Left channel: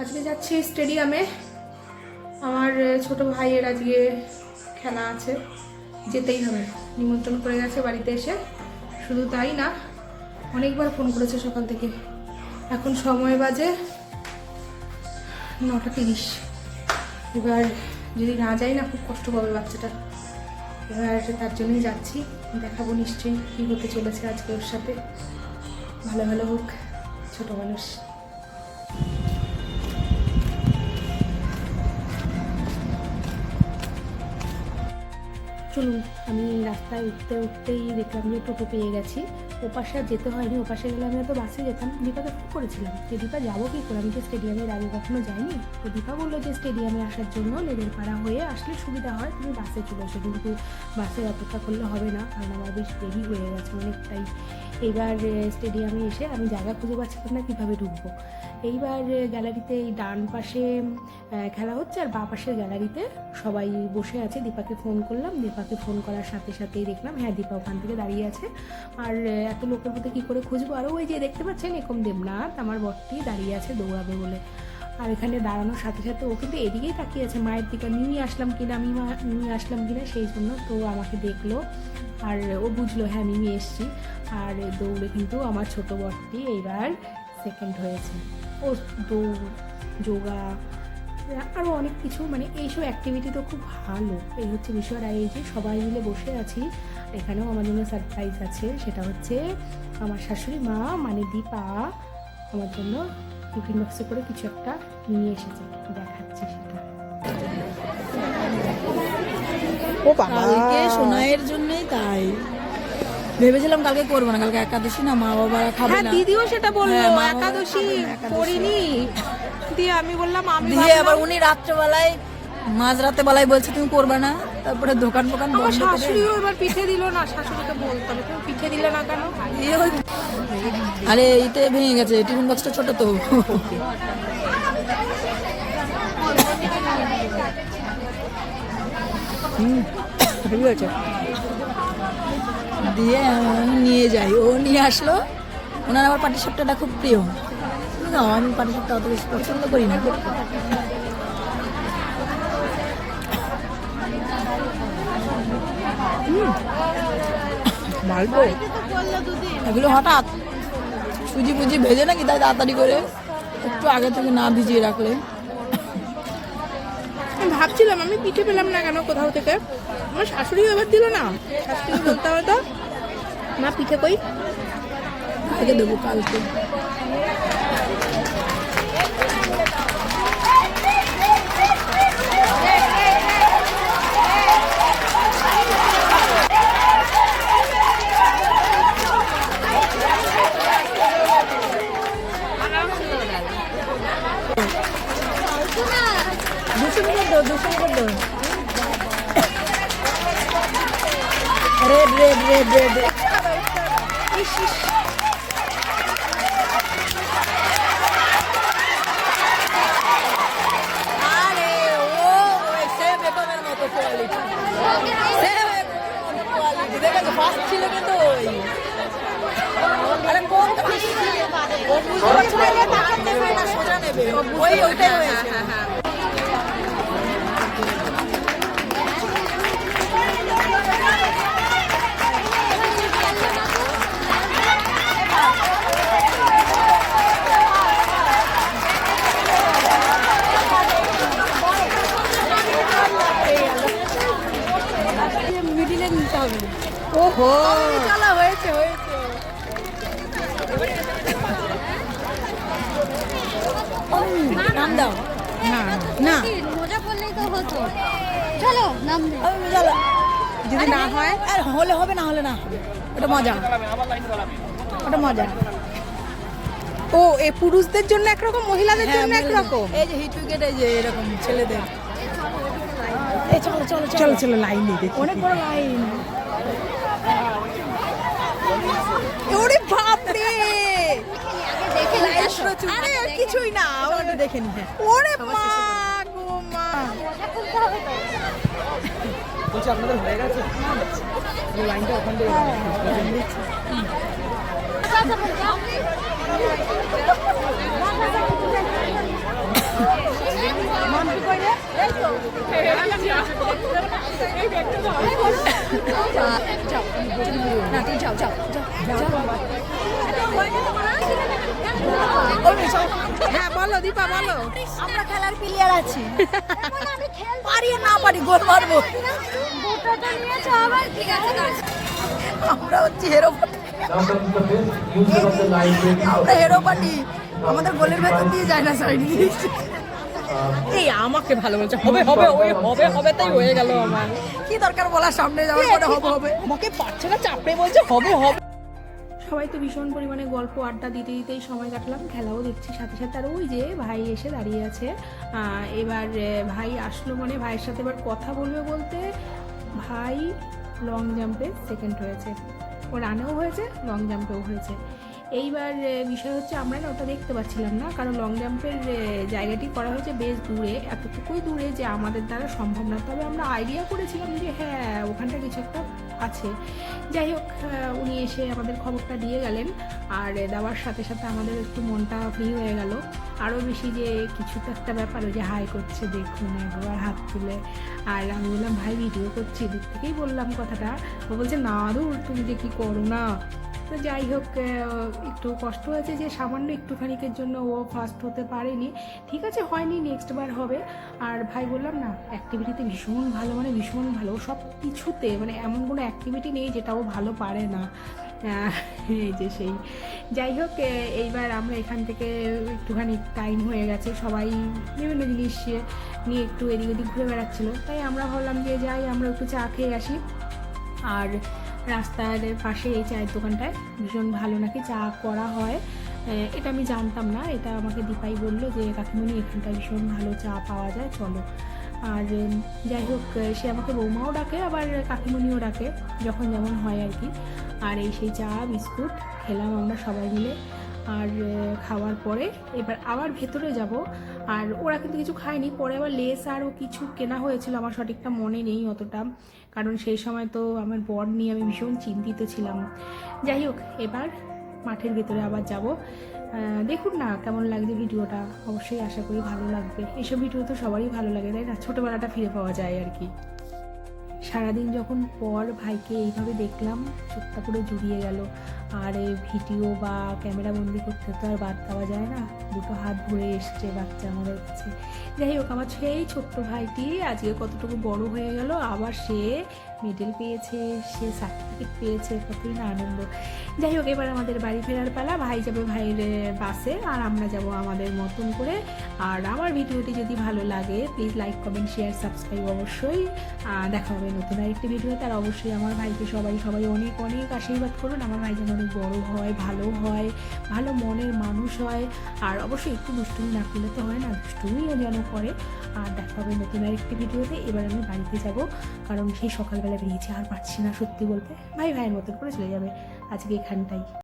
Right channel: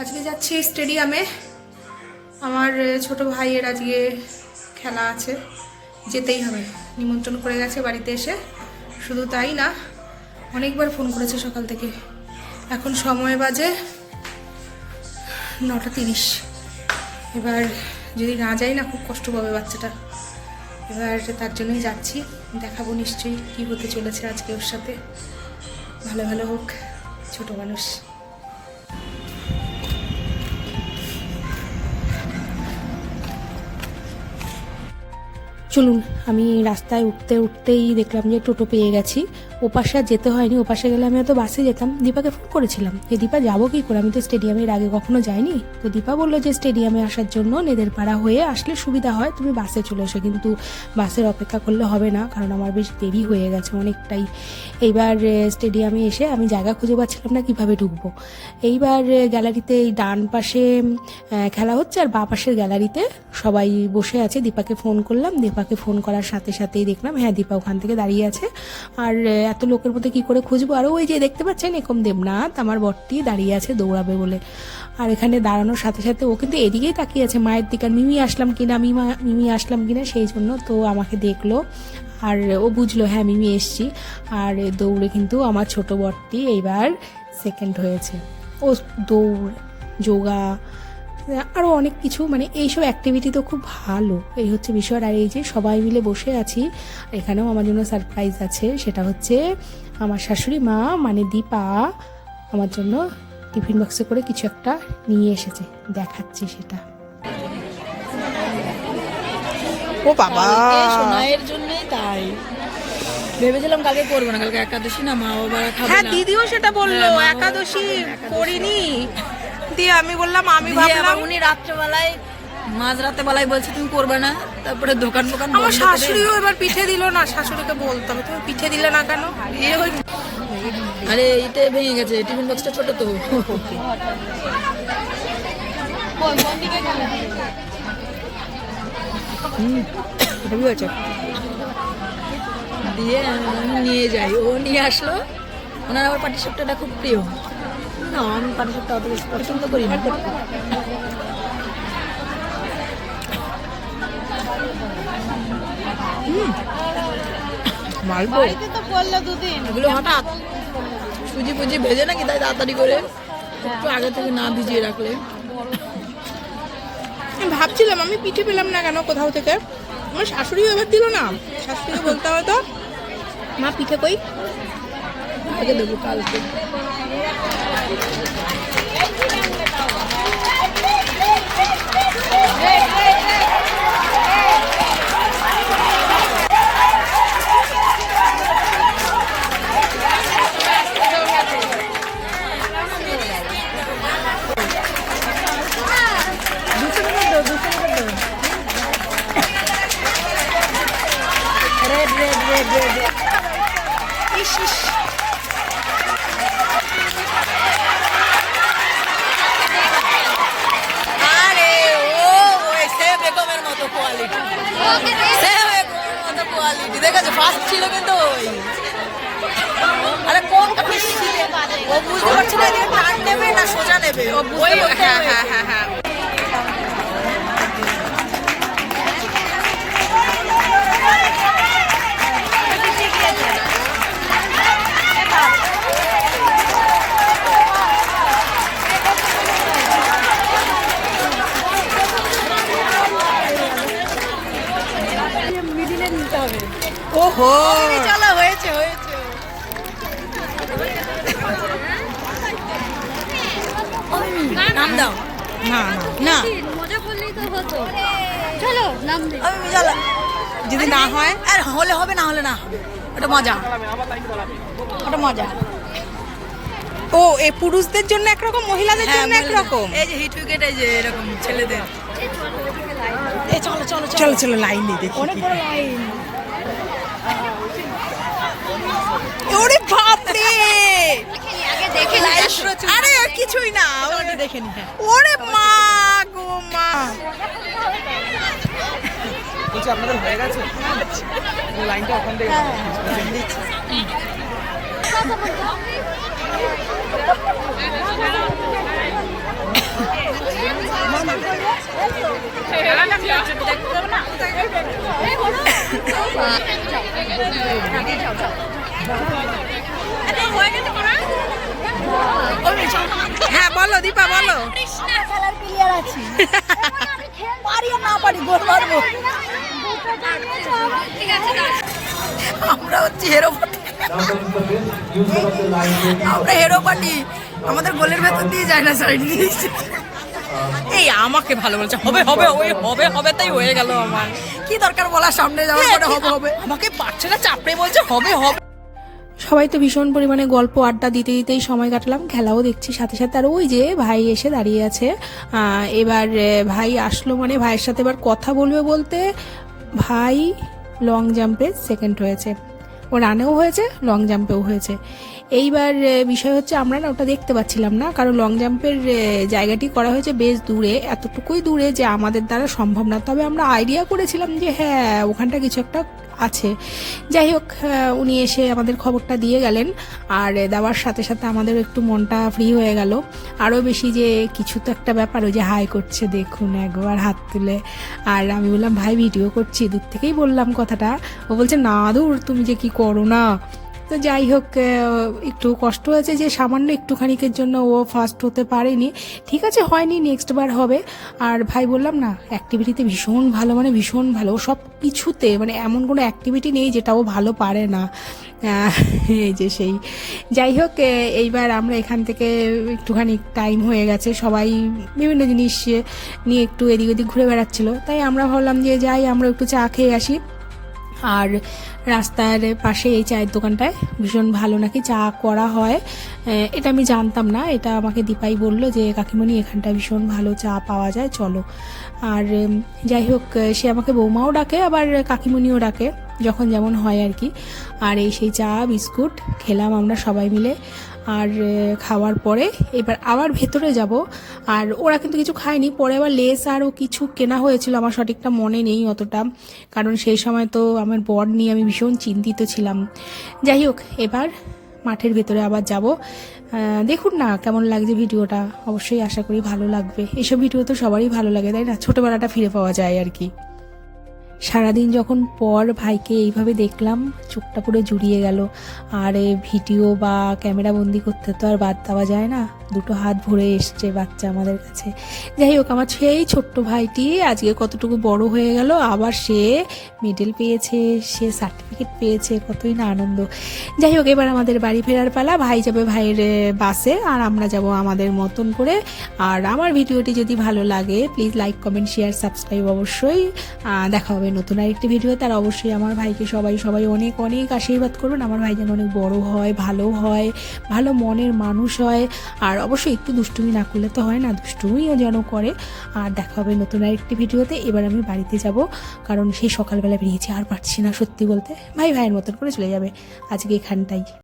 আজকে যাচ্ছি স্টেডিয়ামে। আমার ছোট ভাইয়ের আজকে খেলা আছে, যেতেই হবে। নিমন্ত্রণ করে গেছে বাড়িতে এসে। শুধু তাই না, অনেকবার ফোন করেছে সকাল থেকে। এখন সময় বাজে 9:30। এবার যদি না যাই না, খুব কষ্ট পাবে বাচ্চাটা। এবার তার জন্যই যাচ্ছি। দেখাবো নিশ্চয়ই কী হতে চলেছে আজকে ওর সাথে। ভালো ভালো হোক, ছোট মানুষ। চলুন, আমি রাস্তায় উঠতে উঠতেই দেখলাম যে টোটো পেয়ে গেছি। ওপাশে আর যেতে হয়নি। ওপাশে গেলে আমি হয়তো বাসে যেতাম। দীপাকে ফোন করেছিলাম যে দীপা যাবো কী করে, আমি তো স্টেডিয়ামের আগে কখনো যাইনি। তো দীপা বললো যে স্টেডিয়ামে আসার জন্য নেদেরপাড়া হয়ে আসলে সুবিধা হয়, তুমি বাসে চলে এসো। কিন্তু বাসের অপেক্ষা করলে হবে না, কারণ আমার বেশ দেরি হয়ে গেছে অনেকটাই। এইবার স্টেডিয়ামে এসে আমি জায়গা খুঁজে পাচ্ছিলাম না কীভাবে ঢুকবো। এইবার গ্যালারিতে এই ডান পাশে খেলা হচ্ছে আর বাঁ পাশের গ্যালারিতে সবাই বসে আছে। দীপাকে ফোন করলাম। দীপাকে ফোন করার সাথে সাথেই দেখলাম হ্যাঁ দীপা ওখান থেকে দাঁড়িয়ে আছে। আর এত লোকের মধ্যে কী করে খুঁজবো। আর ওই যে দেখতে পাচ্ছেন একম দেবনাথ আমার বরটি দাঁড়িয়ে আছে দৌড়াবে বলে। আর এখানে দাঁড়ানোর সাথে সাথে ও কিন্তু এদিকেই তাকিয়ে আছে মায়ের দিকে। আর মিমি আসলাম কিনা সেই জন্য তো আমাকে দেখলো আর ও বুঝলো হ্যাঁ মিমি এসছি। আর দৌড়ে কিন্তু আমার ছোট বরটি এইবার সেকেন্ড হয়েছে। ও দৌড়, যোগা, আরও অনেক কিছু, মানে এইসব অ্যাক্টিভিটি তো খুব ভালো। এই হচ্ছে বিষয়। আর এই যে সবাই মিলে বসে আছি, এখানেও আমার জন্য সারপ্রাইজ আছে। সেটা হচ্ছে আমার শাশুড়ি মা মানে দীপা আমার জন্য টিফিন বক্সে করে কিছু একটা নিয়ে এসেছে, দেখাচ্ছি সেটা। ও বাবা, সোনাইয়ের জন্যই তাই ভেবেছিলাম কালকে করবো না, কালকে একাদশী না, মা বাবা খাবে না। হ্যাঁ দিদিও সেটা বললো, একাদশী করিনি দিয়ে আমি বললাম আমি ভাবলাম। উনি রাত্রেবেলায় মাঝরাতে বেলায় বলছে তুমি করবে না, তারপরে দোকান আমার শাশুড়িও এবার পিঠে দিল না। শাশুড়িকে বলতে হবে তুমি পিঠে দিলে না কেন। আরে এইটা ভেঙে গেছে, টিফিন বক্সটা ছোট তো। হেভি আছে। দিয়ে নিয়ে যাই, ও নিয়ে আসলো। ওনার আমার পাটিসাপটাটা খুব প্রিয়। আমি পাটিসাপটা অত বেশি পছন্দ করি না। মালবো এগুলো হঠাৎ সুজি ফুজি ভেজে নাকি তাই তাড়াতাড়ি করে একটু আগে থেকে না ভিজিয়ে রাখলে। আমি ভাবছিলাম আমি পিঠে পেলাম না কেন কোথাও থেকে। আমার শাশুড়িও এবার দিল না। শাশুড়িকে বলতে হবে তো মা পিঠে কই, আগে দেবো কালকে। রেড ইস ইস। আরে ও সে বেগমের মতো কোয়ালিটি, সে বেগমের মতো কোয়ালিটি দেখেছো। ফার্স্ট ছিল কিন্তু ওই, আরে কোন ও বুঝতে পারছে না যে টান নেবে না সোজা নেবে। ও বুঝতে হ্যাঁ হ্যাঁ হ্যাঁ হ্যাঁ। ওহো চলো হয়েছে হয়েছে। নাম দাও। না না মজা করলেই তো হতো। চলো নাম দে। আমি জ্বালা যদি না হয় আর হলে হবে না হলে না হবে, ওটা মজা, ওটা মজা। ও এ পুরুষদের জন্য একরকম, মহিলাদের জন্য একরকম। এই যে হিট উইকেট, এই যে এরকম ছেলেদের। এই চলো চলো চলো চলো লাইন দিয়ে দেখি। অনেক বড় লাইন। ওরে বাপ রে, দেখে নি আরে আর কিছুই না। ওটা দেখে নি। হ্যাঁ ওরে মা গো মা। বলছি আপনাদের হয়ে গেছে লাইনটা ওখান থেকে হ্যাঁ বলো দীপা বলো। আমরা খেলার প্লেয়ার আছি পারি আর না পারি গোল মারবো। দুটো তো নিয়েছো আবার ঠিক আছে আমরা হচ্ছি হেরো পার্টি, আমরা হেরো পার্টি। আমাদের গোলের ভেতর দিয়ে যায় না, সাইড দিয়েছে। এই আমাকে ভালো বলছে, হবে হবে ওই হবে হবে, তাই হয়ে গেল। আমার কি দরকার বলার, সামনে যাওয়ার পরে হবে হবে। আমাকে পারছে না, চাপড়ে বলছে হবে হবে। সবাই তো ভীষণ পরিমাণে গল্প আড্ডা দিতে দিতেই সময় কাটালাম, খেলাও দেখছি সাথে সাথে। আর ওই যে ভাই এসে দাঁড়িয়ে আছে, এবার ভাই আসলো মানে ভাইয়ের সাথে এবার কথা বলবে বলতে, ভাই লং জাম্পে সেকেন্ড হয়েছে, ও রানেও হয়েছে লং জাম্পেও হয়েছে। এইবার বিষয় হচ্ছে আমরা না ওটা দেখতে পাচ্ছিলাম না, কারণ লং জাম্পের জায়গাটি করা হয়েছে বেশ দূরে, এতটুকুই দূরে যে আমাদের দ্বারা সম্ভব না। তবে আমরা আইডিয়া করেছিলাম যে হ্যাঁ ওখানটা কিছু একটা আছে। যাই হোক, উনি এসে আমাদের খবরটা দিয়ে গেলেন, আর দেওয়ার সাথে সাথে আমাদের একটু মনটা ফ্রি হয়ে গেল আরও বেশি, যে কিছু তো একটা ব্যাপার। ওই যে হাই করছে দেখুন একবার হাত তুলে, আর আমি বললাম ভাই ভিডিও করছি, দূর থেকেই বললাম কথাটা। ও বলছে না দূর তুমি যে কি করো না। তো যাই হোক, একটু কষ্ট হয়েছে যে সামান্য একটুখানিকের জন্য ও ফার্স্ট হতে পারেনি। ঠিক আছে, হয়নি, নেক্সট বার হবে। আর ভাই বললাম না, অ্যাক্টিভিটিতে ভীষণ ভালো, মানে ভীষণ ভালো সব কিছুতে, মানে এমন কোনো অ্যাক্টিভিটি নেই যেটা ও ভালো পারে না। এই যে সেই, যাই হোক, এইবার আমরা এখান থেকে একটুখানি টাইম হয়ে গেছে, সবাই বিভিন্ন জিনিস নিয়ে একটু এদিক ওদিক ঘুরে বেড়াচ্ছিলো, তাই আমরা ভাবলাম যে যাই আমরা একটু চা খেয়ে আসি। আর রাস্তার পাশে এই চায়ের দোকানটায় ভীষণ ভালো নাকি চা করা হয়, এটা আমি জানতাম না, এটা আমাকে দীপাই বললো যে কাকিমণি এখানটায় ভীষণ ভালো চা পাওয়া যায়, চলো। আর যাই হোক, সে আমাকে বৌমাও ডাকে আবার কাকিমণিও ডাকে, যখন যেমন হয় আর কি। আর এই সেই চা বিস্কুট খেলাম আমরা সবাই মিলে। আর খাওয়ার পরে এবার আবার ভেতরে যাব, আর ওরা কিন্তু কিছু খায়নি, পরে আবার লেস আরও কিছু কেনা হয়েছিল, আমার সঠিকটা মনে নেই অতটা, কারণ সেই সময় তো আমার বর নিয়ে আমি ভীষণ চিন্তিত ছিলাম। যাই হোক, এবার মাঠের ভেতরে আবার যাব। দেখুন না কেমন লাগছে ভিডিওটা, অবশ্যই আশা করি ভালো লাগবে। এসব ভিডিও তো সবারই ভালো লাগে তাই না, ছোটোবেলাটা ফিরে পাওয়া যায় আর কি। সারাদিন যখন পর ভাইকে এইভাবে দেখলাম, চোখটা পুরো জুড়িয়ে গেল। আর ভিডিও বা ক্যামেরা বন্দি করতে তো আর বাদ দেওয়া যায় না, দুটো হাত ভরে এসছে বাচ্চা আমাদের কাছে। যাই হোক, আমার সেই ছোট্ট ভাইটি আজকে কতটুকু বড় হয়ে গেল, আবার সে মেডেল পেয়েছে, সে সার্টিফিকেট পেয়েছে, কতই না আনন্দ। যাই হোক, এবার আমাদের বাড়ি ফেরার পালা, ভাই যাবে ভাইয়ের বাসে, আর আমরা যাব আমাদের মতন করে। আর আমার ভিডিওটি যদি ভালো লাগে please like comment share subscribe অবশ্যই। দেখা হবে নতুন আরেকটি ভিডিও। তার অবশ্যই আমার ভাইকে সবাই অনেক অনেক আশীর্বাদ করুন, আমার ভাই যেন অনেক বড় হয়, ভালো হয়, ভালো মনের মানুষ হয়। আর অবশ্যই একটু দুষ্টুমি না করলে তো হয় না, দুষ্টুমিও যেন করে। আর দেখা হবে নতুন আরেকটি ভিডিওতে। এবার আমি বাড়িতে যাব, কারণ সেই সকালবেলা বেরিয়েছি, আর পারছি না সত্যি বলতে, ভাইয়ের মতন করে চলে যাবে আজকে এখানটাই।